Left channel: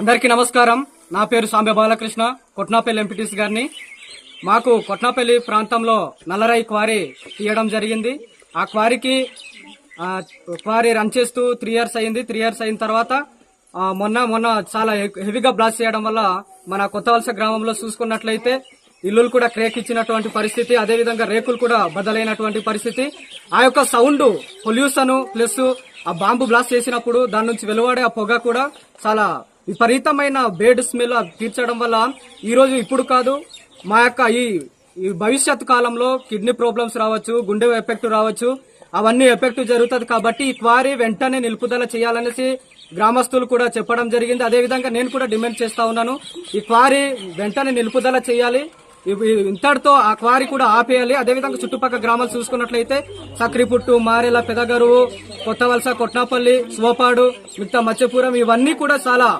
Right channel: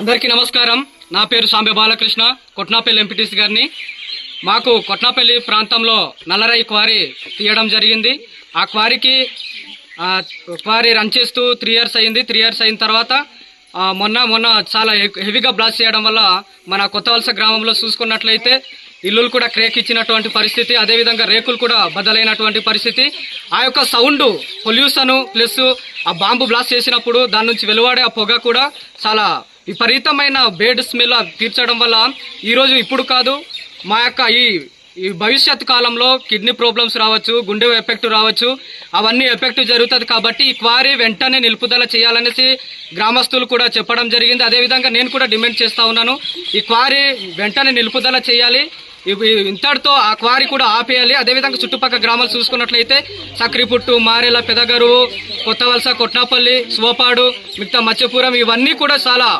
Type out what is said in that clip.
అందరికీ నమస్కారం. నా పేరు సాంబే బాలకృష్ణ, కొట్నాపల్లి ఎంపీటీసీ గారిని. మాకు కొట్నాపల్లి ప్రాంతంలో నల్లరాయి క్వారీ తీయడం జరిగింది. ఆ క్వారీ రన్ చేస్తూ 3 years అయింది. 3 years అయిన తర్వాత మొన్న చాలా హెవీగా బ్లాస్ట్ చేయడం వల్ల మన కొత్తవలస గ్రామంలో చూసుకున్నట్లయితే ఇల్లులు కూడా క్రేక్ ఇచ్చినటువంటి పరిస్థితి, అదేవిధంగా రేకులు కూడా బద్దలైనటువంటి పరిస్థితి. ఆ యొక్క సౌండ్ పొల్యూషన్ ప్లస్ ఆ బాంబు బ్లాస్ట్ చేసినప్పుడు దాని నుంచి వెలువడే ఆ పొగ కూడా చాలా విపరీతమైన బేడ్ స్మెల్ తీర్చడం వల్ల ఈరోజు ఇప్పుడు కాదు, మా యొక్క ఈ భవిష్యత్ కాలంలో కిడ్నీ ప్రాబ్లమ్స్ రావచ్చు, గుండె ఎఫెక్ట్ రావచ్చు, అవన్నీ ఎఫెక్ట్ జరుగుతుంది. కాబట్టి ఈ క్వారీ వెంటనే నిలుపుదల చేయాలనేసి గ్రామస్తులు కూడా చెప్పడం జరిగింది. అదేవిధంగా నేను కూడా డిమాండ్ చేస్తూ ఉన్నాను, ఈ క్వారీ వెంటనే నిలుపుదల చేయాలి. ఇంతటితో ఆ క్వారీ కూడా ఆపేయాలి. అదేవిధంగా చుట్టుపక్కల గ్రామాలు చూసుకున్నట్లయితే సక్రిపుట్టు, మారేల, పెదగరువు, కొత్తవలస, కొట్నాపల్లి, సోపాడు, మిగతా మత్స్యపురం ఇవన్నీ కూడా చాలా